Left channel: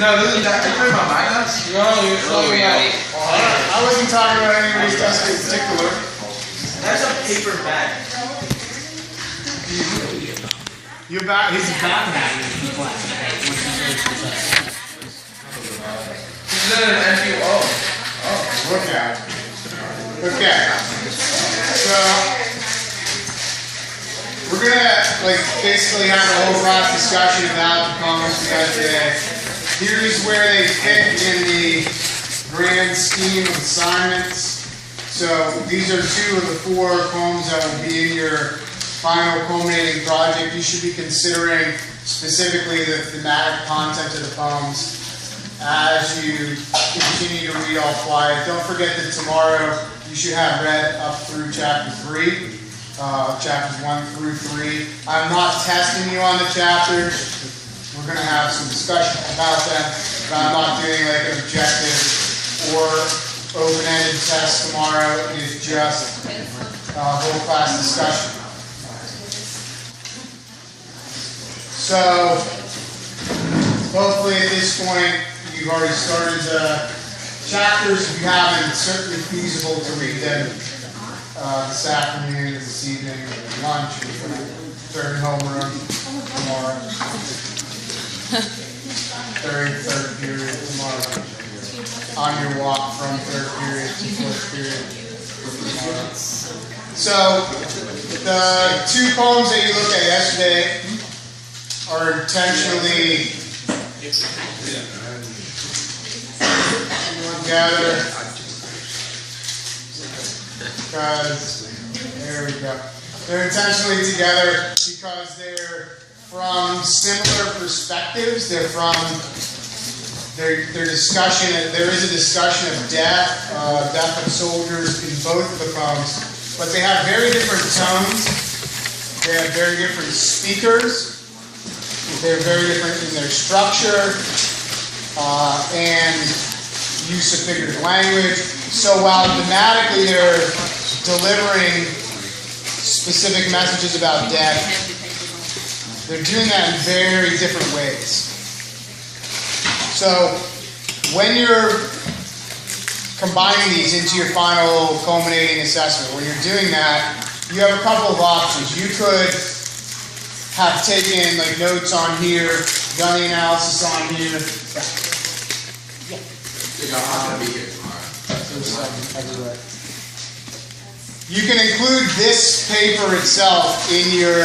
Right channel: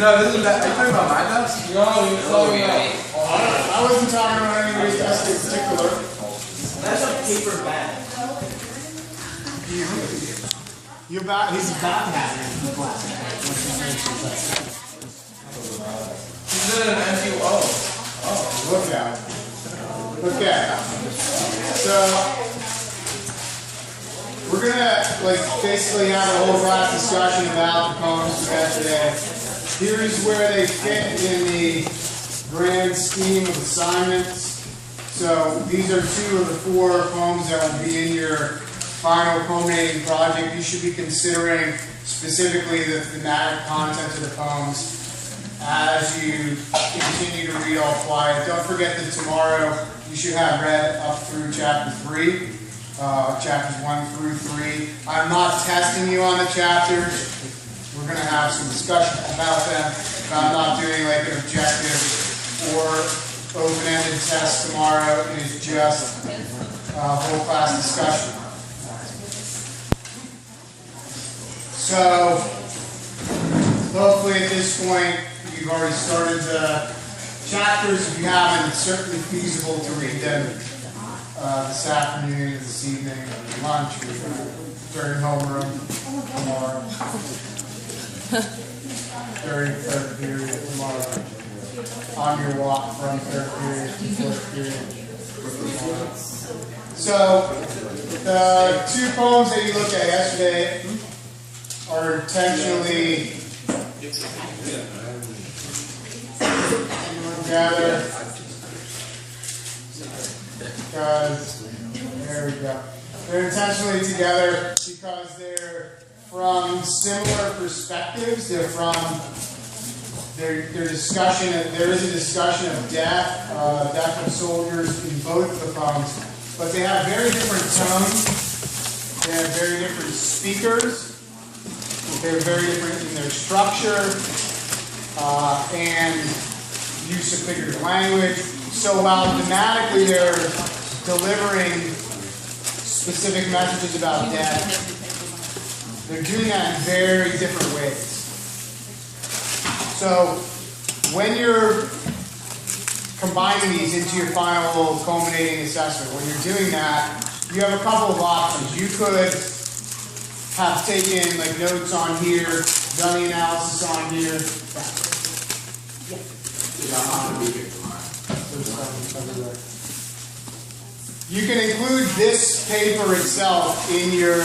No, this is that. Are you talking about my desk? No, yeah. I wasn't talking about anybody's desk in particular. That's a paper bag. Your back, his backpack. This is an empty. Oh. Look at it. Okay. So we're gonna basically have a whole class discussion about the poems we got today. Here's where they fit in the grand scheme of assignments. So these are 2 of the 4 poems that will be in your final culminating project. You should be considering specifically the thematic content of the poems as you continue to read all quiet. Don't forget that tomorrow you should have read up through chapter 3, chapters 1 through 3. I'm not testing you on the chapters. We're going to have some discussion about them, but I'm not doing like an objective or open-ended test tomorrow. It is just a whole class discussion. So, hopefully at this point, you've already started the chapters. If you haven't, it's certainly feasible to read them this afternoon, this evening, or lunch, or during homeroom tomorrow. During third period tomorrow. On your walk from third period to fourth period. So, the 2 poems that you looked at yesterday are intentionally together because there we go. They're intentionally together because they're from similar perspectives. They're from their discussion. There is a discussion of death of soldiers in both of the poems, but they have very different tones. They have very different speakers. They're very different in their structure and use of figurative language. So while thematically they're delivering specific messages about death, they're doing that in very different ways. So when you're combining these into your final culminating assessment, when you're doing that, you have a couple of options. You could have taken notes on here, done the analysis on here. I'm not going to be here tomorrow. You can include this paper itself in your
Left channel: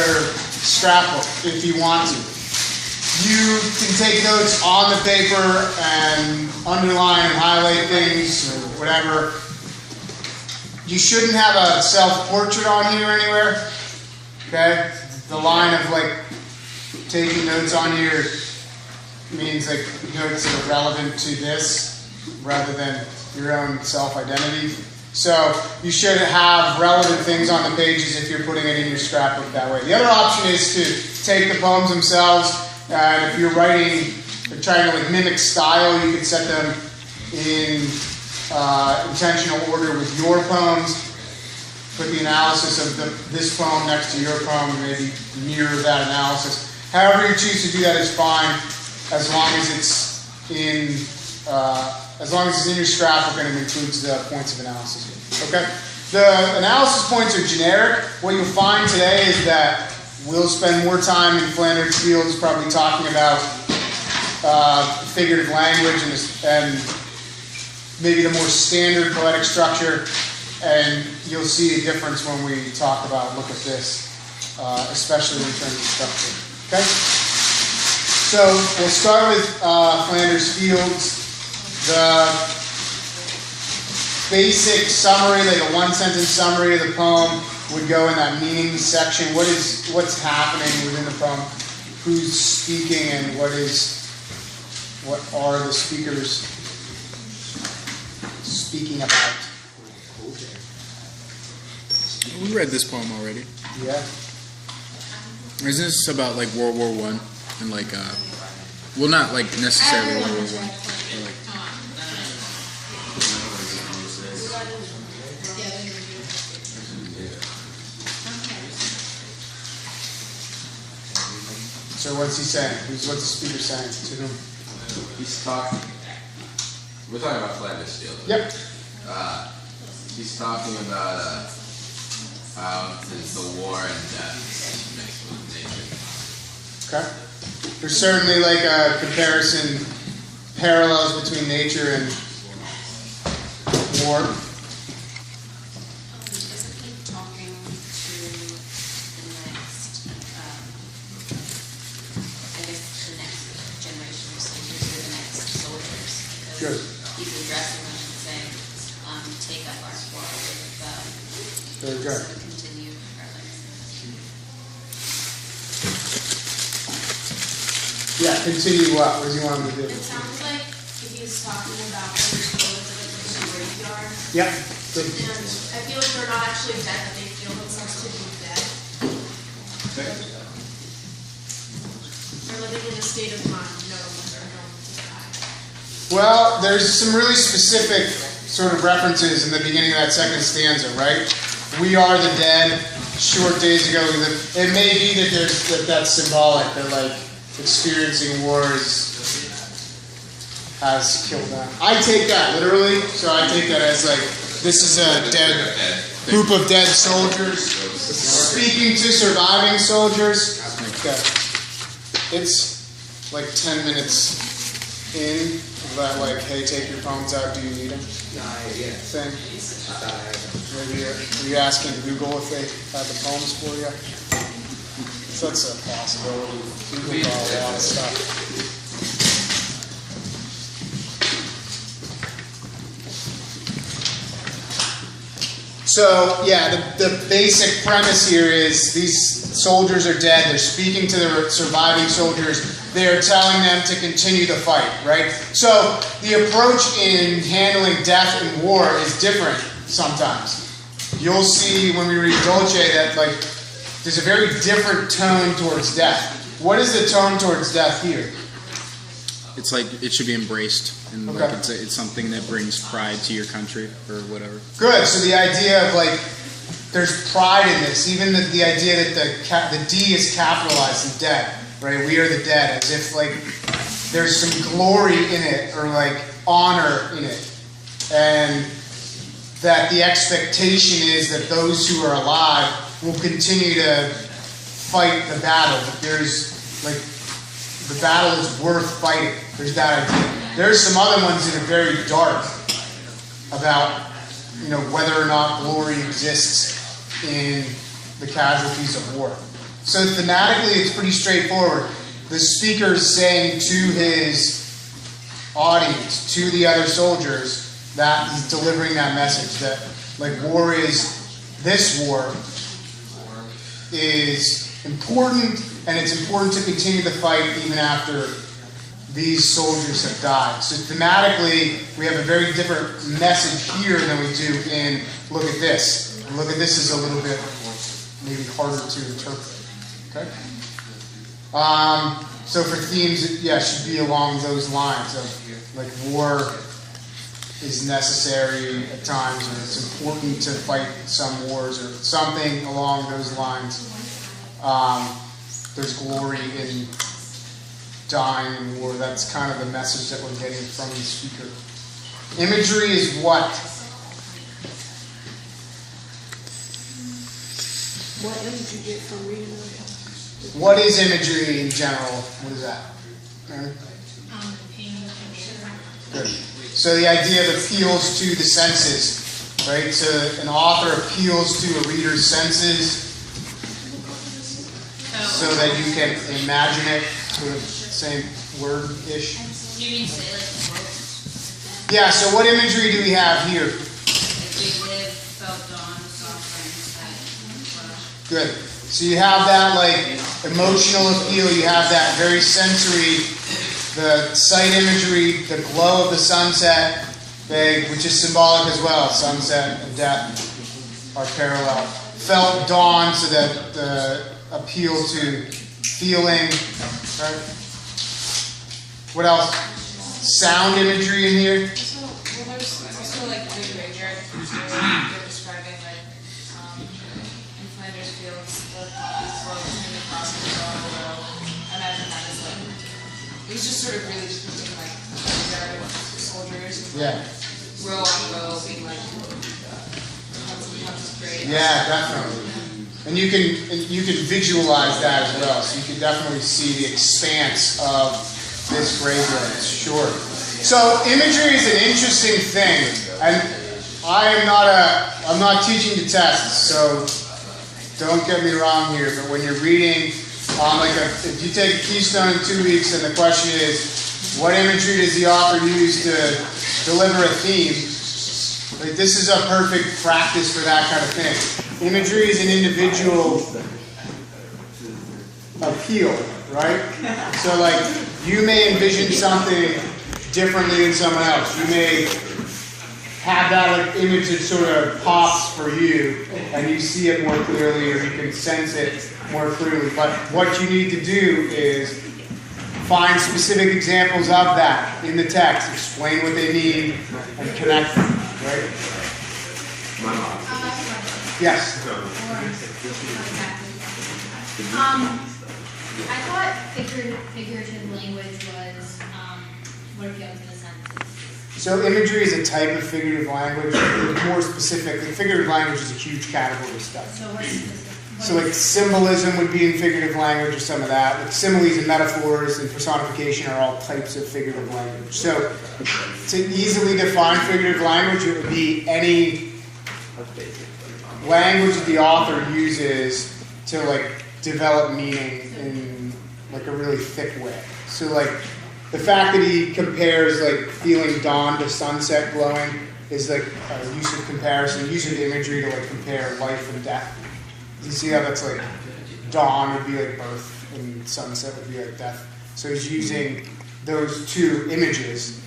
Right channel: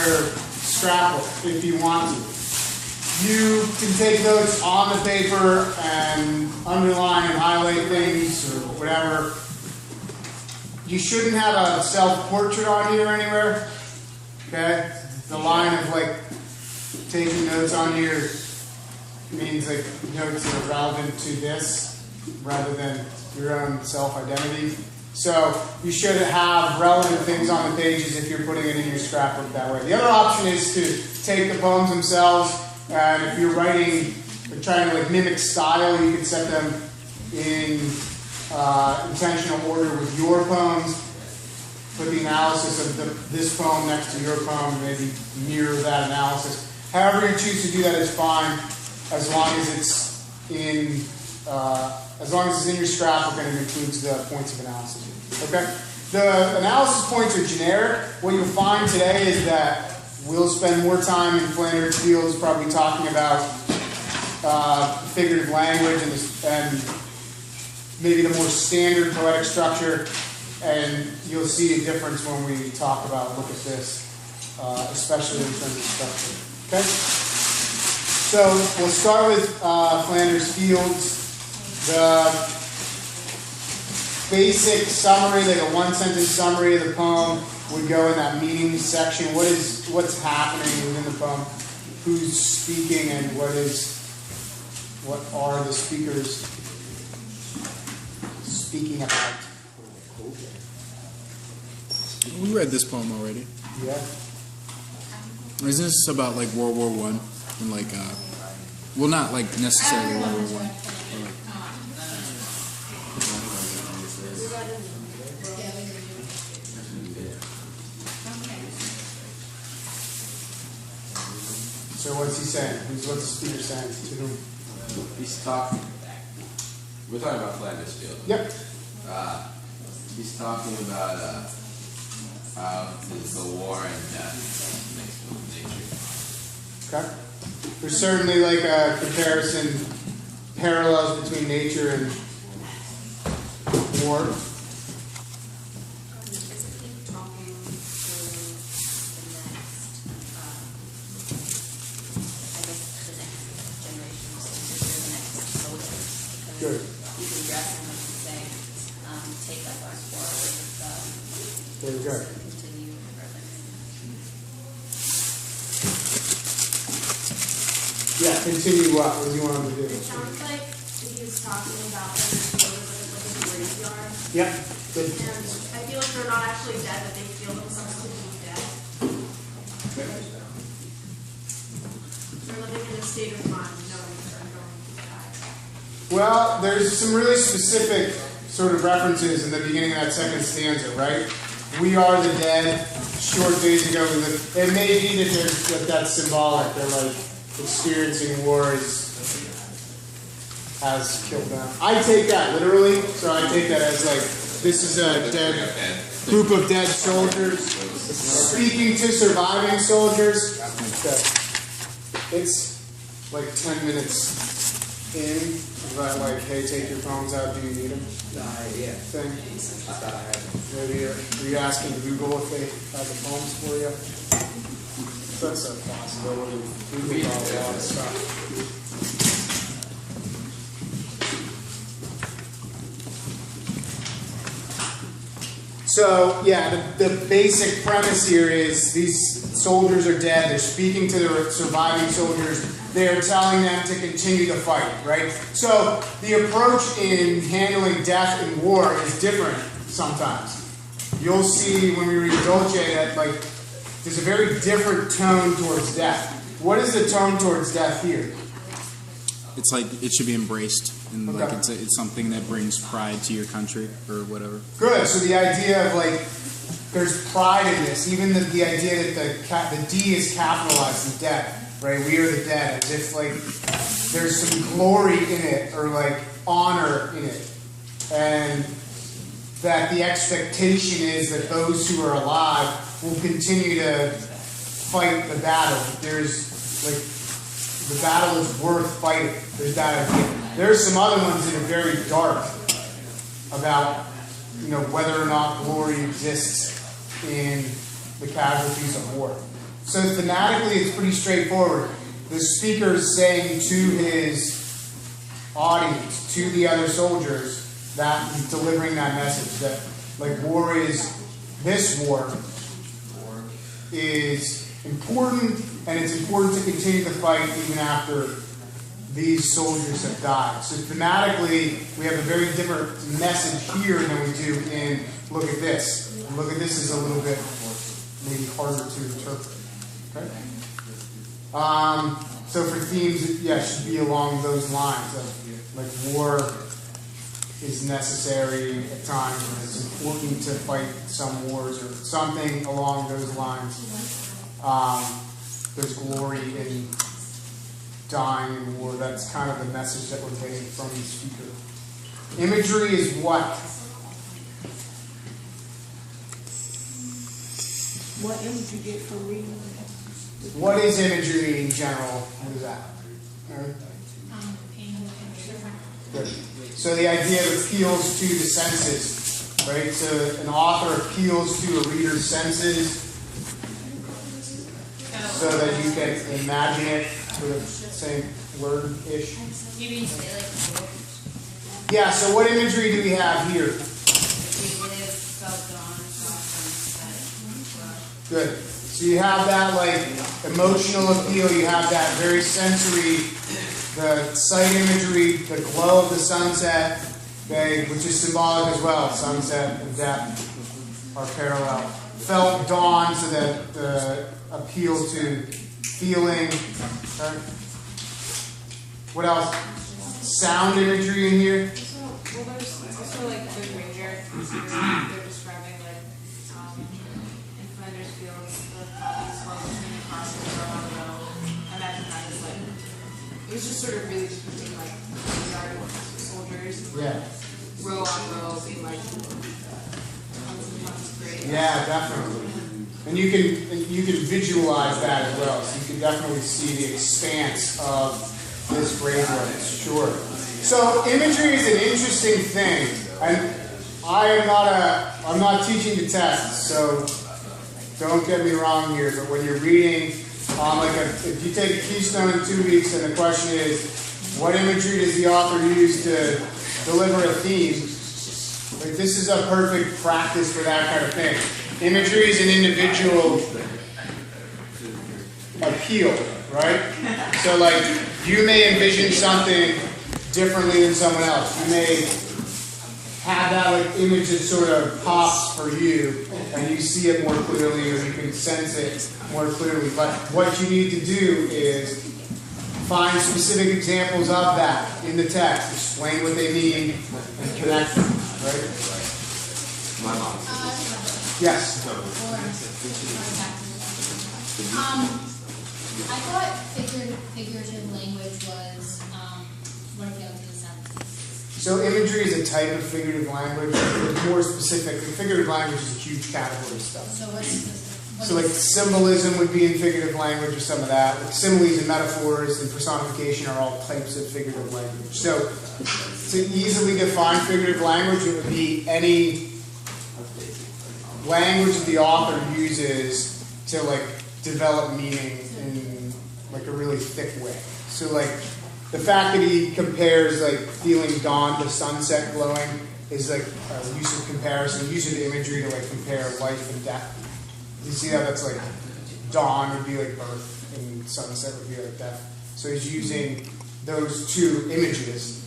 scrapbook if you want to. You can take notes on the paper and underline and highlight things or whatever. You shouldn't have a self-portrait on here anywhere. Okay? The line of taking notes on here means notes that are relevant to this rather than your own self-identity. So you should have relevant things on the pages if you're putting it in your scrapbook that way. The other option is to take the poems themselves, and if you're writing, or trying to mimic style, you can set them in intentional order with your poems. Put the analysis of this poem next to your poem, maybe mirror that analysis. However you choose to do that is fine, as long as it's in your scrapbook and it includes the points of analysis. Okay? The analysis points are generic. What you'll find today is that we'll spend more time in Flanders Fields probably talking about figurative language and maybe the more standard poetic structure, and you'll see a difference when we talk about look at this, especially in terms of structure. Okay? So we'll start with Flanders Fields. The basic summary, a one-sentence summary of the poem, would go in that meaning section. What's happening within the poem? Who's speaking, and what are the speakers speaking about? We read this poem already. Yeah. Isn't this about World War I and well, not necessarily World War I, but So what's he saying? What's the speaker saying? To whom? he's talking. We're talking about Flanders Field. Yep. He's talking about how the war and death mixed with nature. Okay. There's certainly like a comparison, parallels between nature and war. Isn't he talking to the next, I guess the next generation of soldiers or the next soldiers? Good. Because he's addressing them and saying, take up our quarrel with Very good. so continue reference. Yeah, continue what? What does he want him to do? It sounds like he's talking about the fields of the graveyard. Yep. Good. And I feel like they're not actually dead, but they feel themselves to be dead. They're living in a state of mind, knowing that they're going to die. Well, there's some really specific sort of references in the beginning of that second stanza, right? We are the dead. Short days ago, it may be that that's symbolic. They're like experiencing wars has killed them. I take that literally, so I take that as like this is a dead group of dead soldiers speaking to surviving soldiers. Okay. It's like 10 minutes in, that like, hey, take your phones out. Do you need them? Yeah. Thing. I thought I had them. Maybe you're asking Google if they have the poems for you. So that's a possibility. Google all that stuff. So yeah, the basic premise here is these soldiers are dead. They're speaking to the surviving soldiers. They're telling them to continue the fight, right? So the approach in handling death in war is different sometimes. You'll see when we read Dolce that like there's a very different tone towards death. What is the tone towards death here? It's like it should be embraced, and like Okay. it's something that brings pride to your country or whatever. Good. So the idea of like there's pride in this, even the idea that the D is capitalized in dead, right? We are the dead, as if like there's some glory in it or like honor in it, and that the expectation is that those who are alive will continue to fight the battle. There's like the battle is worth fighting. There's that idea. There's some other ones that are very dark about whether or not glory exists in the casualties of war. So thematically, it's pretty straightforward. The speaker is saying to his audience, to the other soldiers, that he's delivering that message that like this war is important, and it's important to continue the fight even after these soldiers have died. So thematically, we have a very different message here than we do in Look at This. And Look at This is a little bit maybe harder to interpret. Okay? So for themes, it should be along those lines of like war is necessary at times, and it's important to fight some wars or something along those lines. There's glory in dying in war. That's kind of the message that we're getting from the speaker. Imagery is what? What image you get from reading? What is imagery in general? What is that? Painting a picture. Good. So the idea of appeals to the senses, right? So an author appeals to a reader's senses so that you can imagine it, sort of same word-ish. You mean say like the world? Yeah, so what imagery do we have here? Good. So you have that like emotional appeal, you have that very sensory, the sight imagery, the glow of the sunset, which is symbolic as well. Sunset and death are parallel. Felt dawn, so that the appeal to feeling. Right? What else? Sound imagery in here. Well, there's also like the graveyard. They're describing like in Flanders Fields, the slope between the cross and the road. I imagine that is like it was just sort of really just putting like Yeah. row on row being like, that's great. Yeah, definitely. And you can visualize that as well. So you can definitely see the expanse of this gradient. Sure. So imagery is an interesting thing, and I'm not teaching you tests, so don't get me wrong here. But when you're reading, if you take a Keystone in 2 weeks, and the question is, what imagery does the author use to deliver a theme? Like, this is a perfect practice for that kind of thing. Imagery is an individual appeal, right? So, like, you may envision something differently than someone else. You may have that like, image that sort of pops for you, and you see it more clearly, or you can sense it more clearly. But what you need to do is find specific examples of that in the text, explain what they mean, and connect them, right? My mom. Yes? I thought figurative language was what if you have to the sentence? So imagery is a type of figurative language. It's more specific. Like, figurative language is a huge category of stuff. So what's specific? So like symbolism would be in figurative language or some of that. Like similes and metaphors and personification are all types of figurative language. So to easily define figurative language, it would be any language the author uses to like develop meaning in like a really thick way. So like the fact that he compares like feeling dawn to sunset glowing is like a use of comparison, use of imagery to like compare life and death. You see how that's like dawn would be like birth and sunset would be like death. So he's using those two images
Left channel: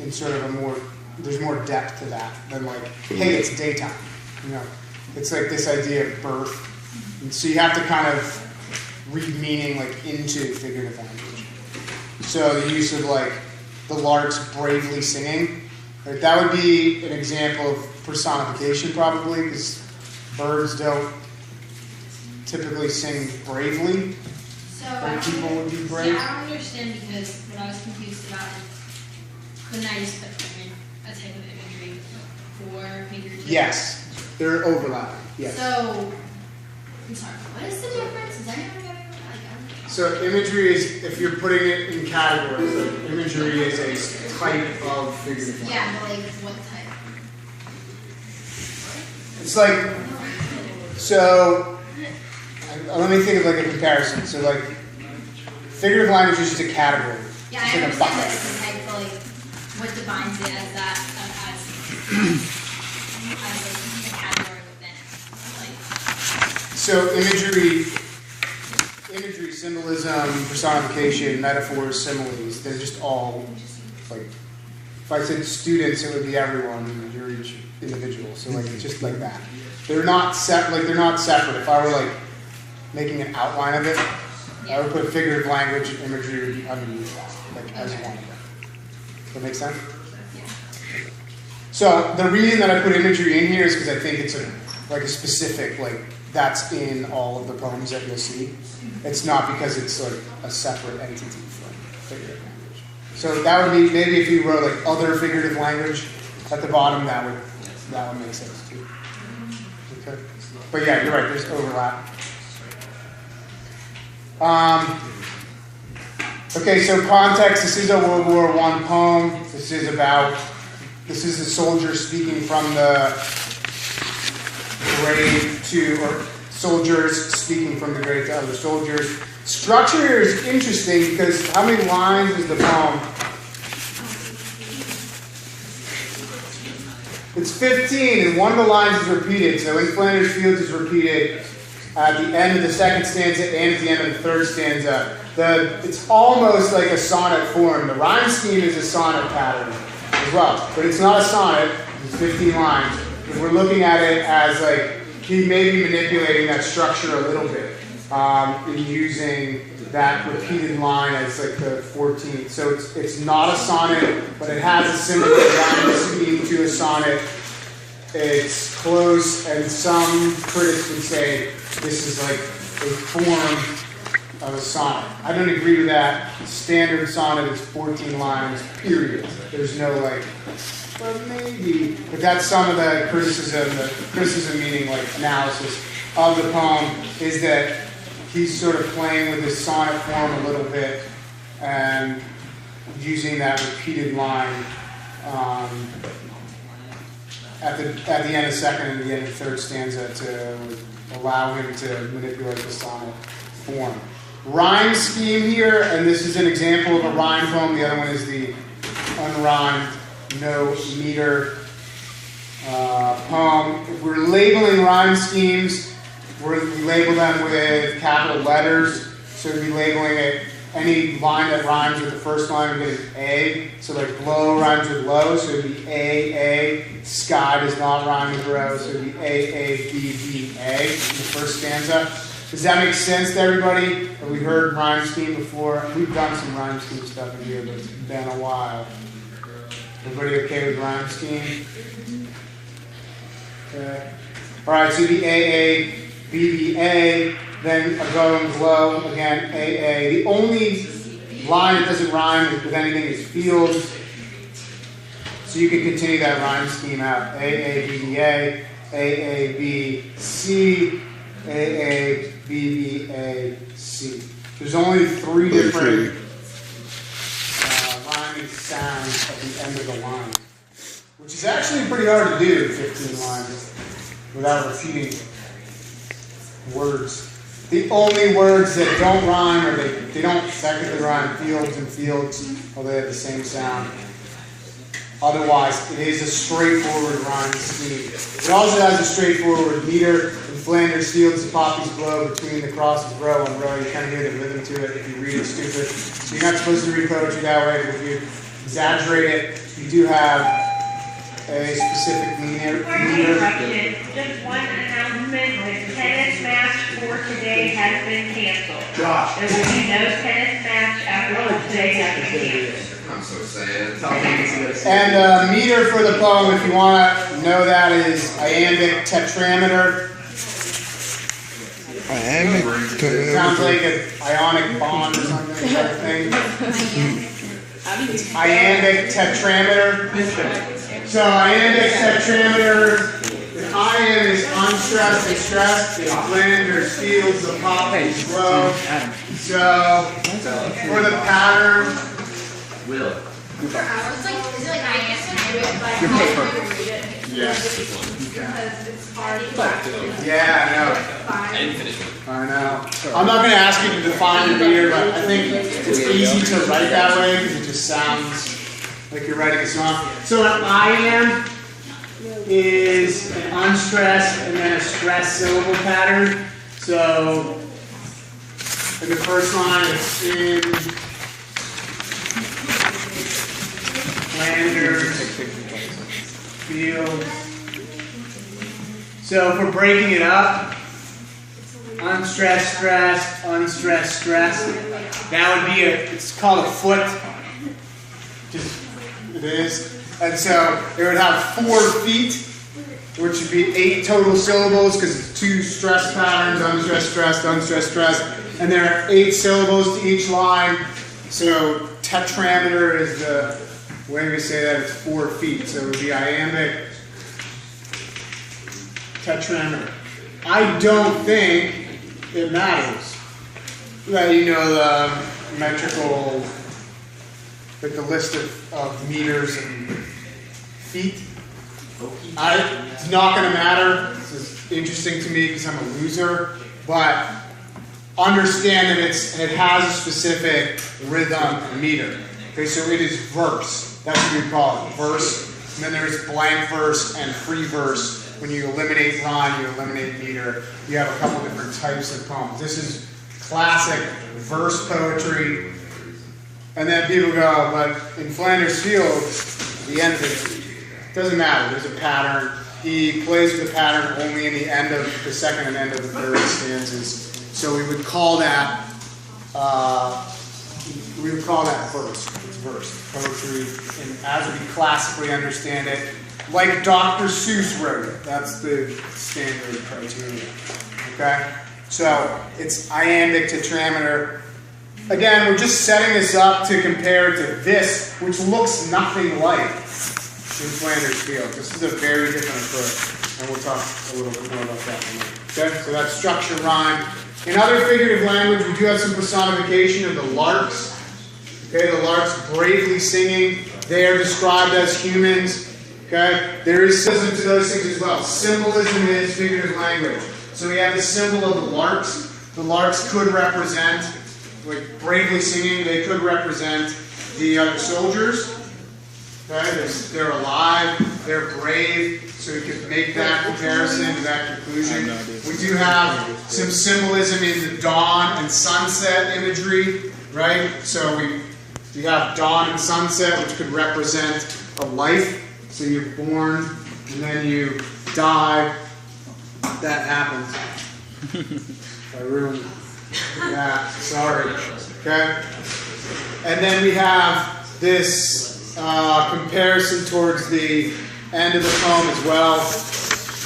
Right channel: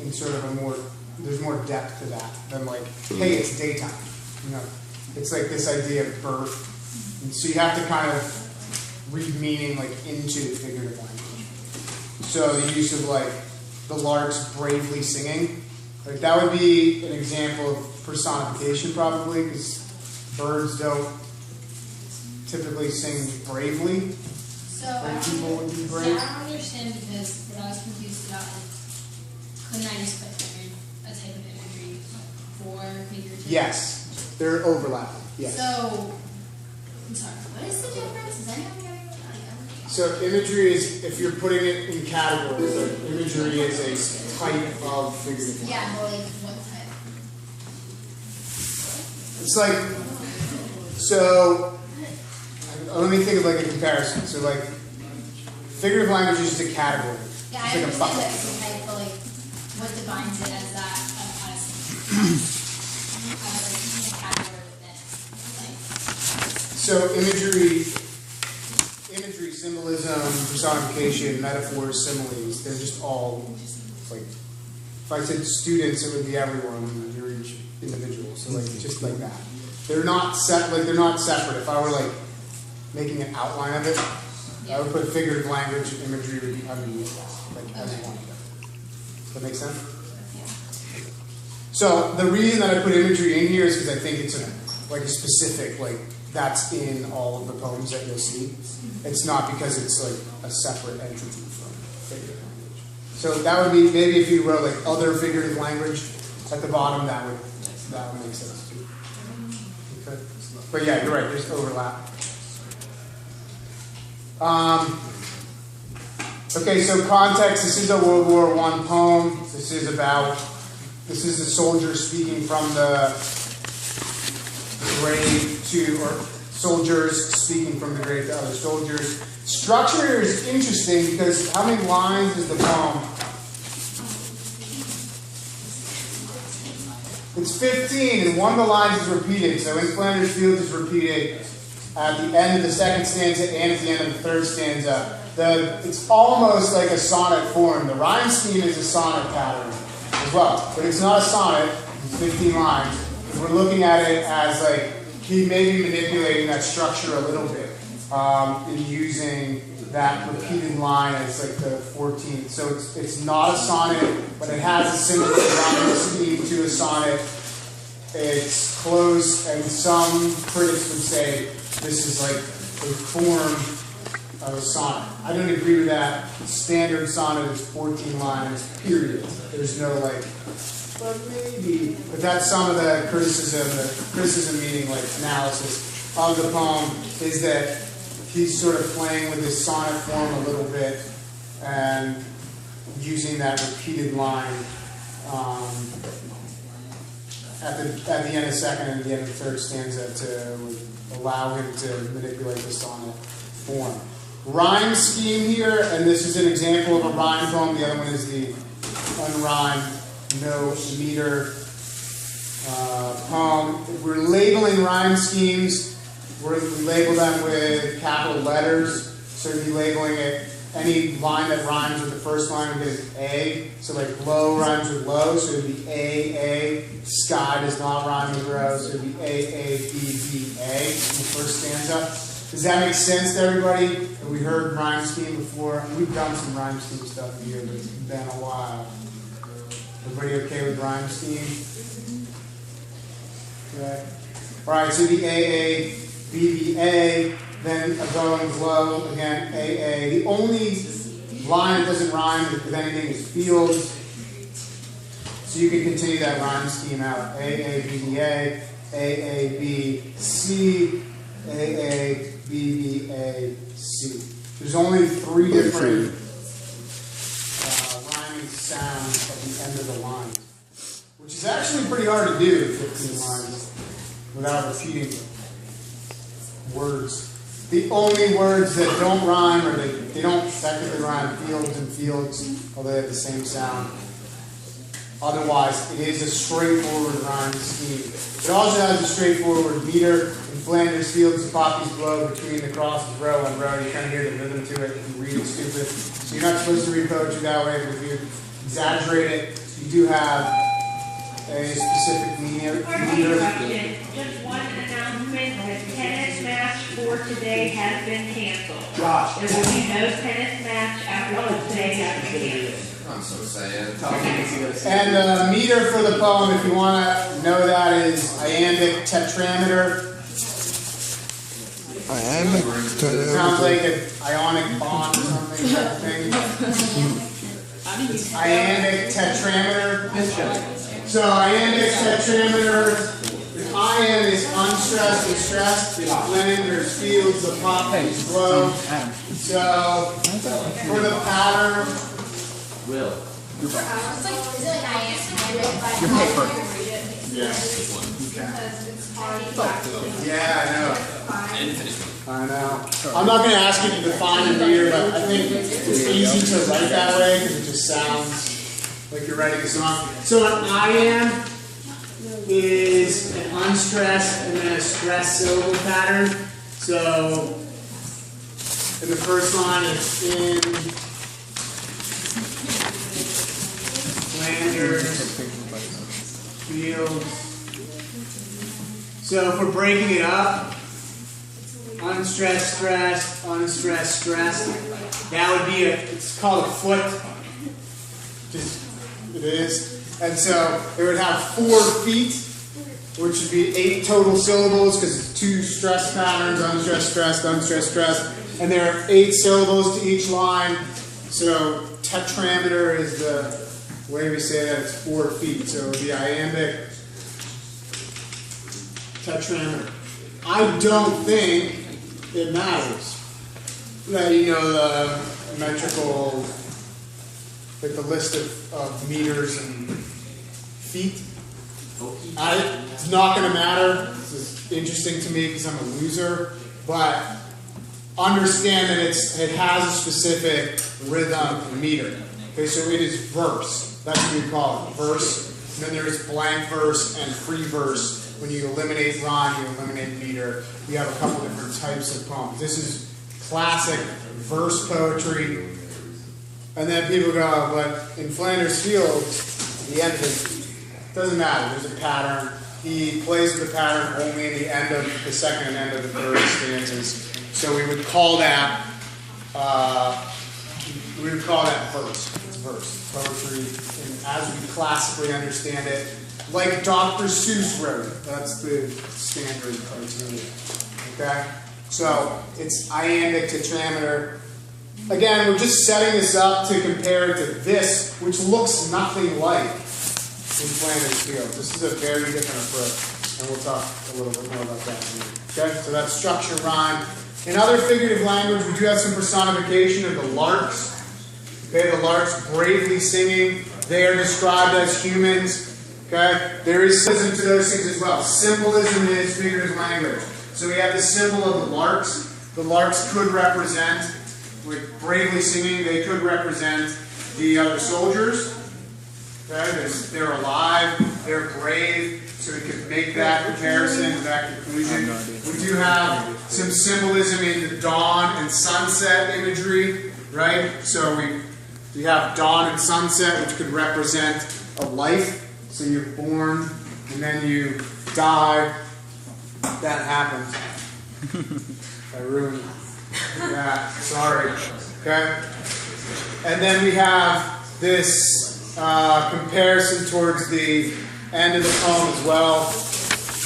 in sort of a more, there's more depth to that than like, hey, it's daytime. You know, it's like this idea of birth. And so you have to kind of read meaning like into figurative language. So the use of like the larks bravely singing, like that would be an example of personification probably, because birds don't typically sing bravely. So Like people would be brave. Yeah, I don't understand because what I was confused about is couldn't I just put in a type of imagery for figurative? Yes, they're overlapping. Yes. So I'm sorry, what is the difference? Is anyone having like So imagery is, if you're putting it in categories, like imagery is a type of figurative language. yeah, but like what type? It's like, so let me think of like a comparison. So like figurative language is just a category. Yeah, It's I like a understand bucket. that it's a type, but like what defines it as that as like a category within it? So imagery, symbolism, personification, metaphors, similes, they're just all like, if I said students, it would be everyone, you're each individual. So like just like that. They're not they're not separate. If I were like making an outline of it, I would put figurative language and imagery would be underneath that, like as one. Does that make sense? So the reason that I put imagery in here is because I think it's a specific, like that's in all of the poems that you'll see. It's not because it's like a separate entity from figurative language. So that would be, maybe if you wrote like other figurative language at the bottom, that would make sense too. Okay. But yeah, you're right, there's overlap. Okay, so context, this is a World War I poem. This is a soldier speaking from the grave to, or soldiers speaking from the grave to other soldiers. Structure here is interesting because how many lines is the poem? It's 15, and one of the lines is repeated. So in Flanders Fields is repeated at the end of the second stanza and at the end of the third stanza. It's almost like a sonnet form. The rhyme scheme is a sonnet pattern as well, but it's not a sonnet. It's 15 lines. And we're looking at it as like he may be manipulating that structure a little bit in using that repeated line as like the 14th. So it's not a sonnet, but it has a similar rhyme scheme to a sonnet. It's close, and some critics would say this is like a form of a sonnet. I don't agree with that. Standard sonnet is 14 lines, period. There's no like, well, maybe, but that's some of the criticism meaning like analysis of the poem, is that he's sort of playing with this sonnet form a little bit and using that repeated line at the end of the second and the end of the third stanza to allow him to manipulate the sonnet form. Rhyme scheme here, and this is an example of a rhyme poem. The other one is the unrhymed, no meter poem. If we're labeling rhyme schemes, we label them with capital letters. So we'd be labeling it, any line that rhymes with the first line would get an A. So like blow rhymes with low, so it would be A. Sky does not rhyme with row, so it would be A, B, B, A in the first stanza. Does that make sense to everybody? Have we heard rhyme scheme before? We've done some rhyme scheme stuff in here, but it's been a while. Everybody okay with rhyme scheme? Okay. Alright, so the A, B, B, A, then a go and blow, again, A. The only line that doesn't rhyme with anything is fields. So you can continue that rhyme scheme out. A, B, B, A, B, C, A, B, B, A, C. There's only 3 different rhyming sounds at the end of the line, which is actually pretty hard to do, 15 lines, without repeating words. The only words that don't rhyme, or they don't technically rhyme, fields and fields, although they have the same sound. Otherwise, it is a straightforward rhyme scheme. It also has a straightforward meter. In Flanders fields, the poppies blow between the crosses row and row. You kind of hear the rhythm to it if you read it stupid. So you're not supposed to read poetry that way, but if you exaggerate it, you do have a specific meter. Just one announcement, the tennis match for today has been canceled. Josh. There will be no tennis match after today has been canceled. I'm so sad. And meter for the poem, if you want to know that, is iambic tetrameter. Iambic It sounds like an ionic bond or something, type of thing. Iambic tetrameter. So iambic tetrameter, the iamb is unstressed and stressed. In Flanders fields, the poppies blow. So for the pattern, Will. It's like, is it like I guess when I read it, yeah. because it's hard to Yeah, I know. I'm not going to ask you to define the meter, but I think it's easy to write that way because it just sounds like you're writing a song. So an iamb is an unstressed and then a stressed syllable pattern. So in the first line, it's in Flanders fields. So if we're breaking it up, unstressed, stressed, unstressed, stressed, that would be it's called a foot. Just, it is. And so it would have 4 feet, which would be 8 total syllables because it's 2 stress patterns, unstressed, stressed, unstressed, stressed. And there are 8 syllables to each line. So tetrameter is the way we say that, it's 4 feet. So it would be iambic tetrameter. I don't think it matters that you know the metrical, like the list of meters and feet. It's not going to matter. This is interesting to me because I'm a loser, but understand that it has a specific rhythm meter. Okay, so it is verse. That's what we call it, verse. And then there's blank verse and free verse. When you eliminate rhyme, you eliminate meter. You have a couple different types of poems. This is classic verse poetry. And then people go, but in Flanders Fields, the end of it doesn't matter. There's a pattern. He plays with the pattern only in the end of the second and end of the third stanzas. So we would call that verse. It's verse poetry, and as we classically understand it, like Dr. Seuss wrote it. That's the standard criteria. Okay. So it's iambic tetrameter. Again, we're just setting this up to compare to this, which looks nothing like in Flanders Field. This is a very different approach, and we'll talk a little bit more about that in a minute. Okay, so that's structure, rhyme. In other figurative language, we do have some personification of the larks. Okay, the larks bravely singing. They are described as humans. Okay, there is symbolism to those things as well. Symbolism is figurative language. So we have the symbol of the larks. The larks could represent, like bravely singing, they could represent the other soldiers. Okay, they're alive, they're brave, so we could make that comparison to that conclusion. We do have some symbolism in the dawn and sunset imagery, right? So you have dawn and sunset, which could represent a life. So you're born and then you die. That happens. I ruined that. Sorry. Okay? And then we have this comparison towards the end of the poem as well.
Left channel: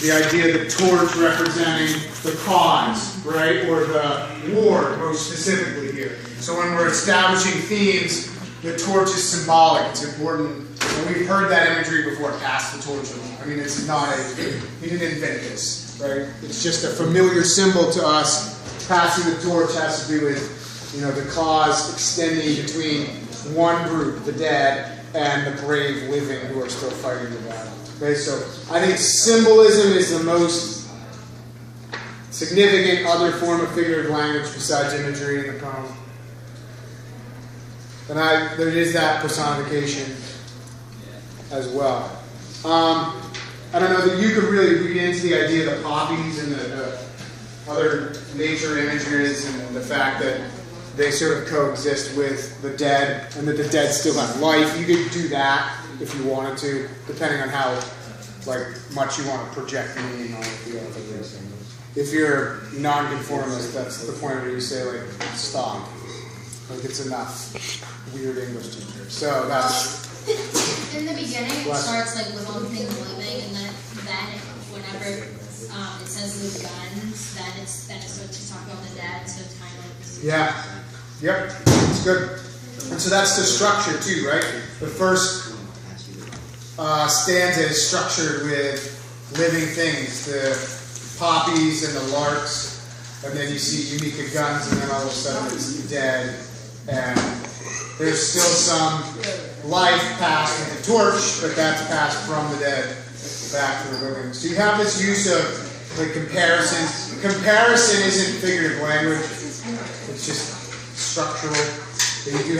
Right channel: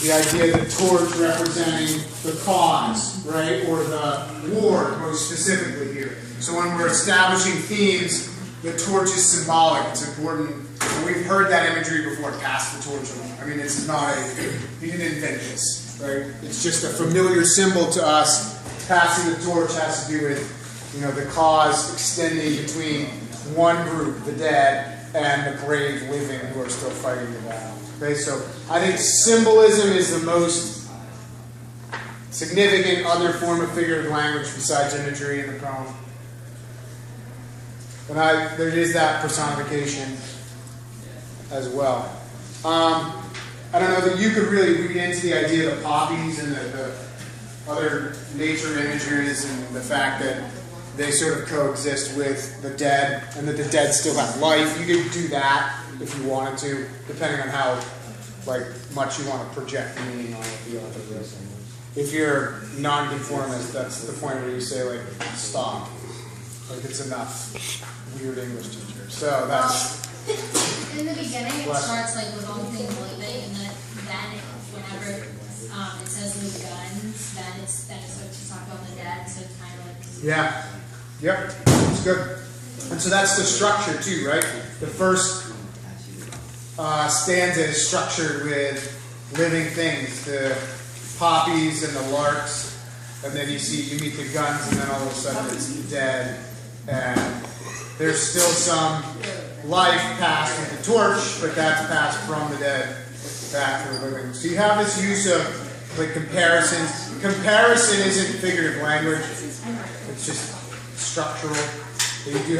The idea of the torch representing the cause, right? Or the war, most specifically here. So when we're establishing themes, the torch is symbolic. It's important. And we've heard that imagery before. Pass the torch. I mean, it's not he didn't invent this, right? It's just a familiar symbol to us. Passing the torch has to do with, the cause extending between one group, the dead, and the brave living who are still fighting the battle. Okay, so I think symbolism is the most significant other form of figurative language besides imagery in the poem. And there is that personification as well. I don't know that you could really read into the idea of the poppies and the other nature imageries and the fact that they sort of coexist with the dead and that the dead still have life. You could do that if you wanted to, depending on how much you want to project the meaning on it. If you're non-conformist, that's the point where you say stop. It's enough. Weird English teacher. So that's in the beginning it starts with all things living, and then whenever it says the guns, then it starts to talk about the dead, so it's kind of this. Yeah. Yep. It's good. And so that's the structure too, right? The first stanza is structured with living things, the poppies and the larks, and then you meet the guns, and then all of a sudden it's the dead, and there's still some life passed with the torch, but that's passed from the dead back to the living. So you have this use of comparisons. Comparison isn't figurative language; it's just structural. So you do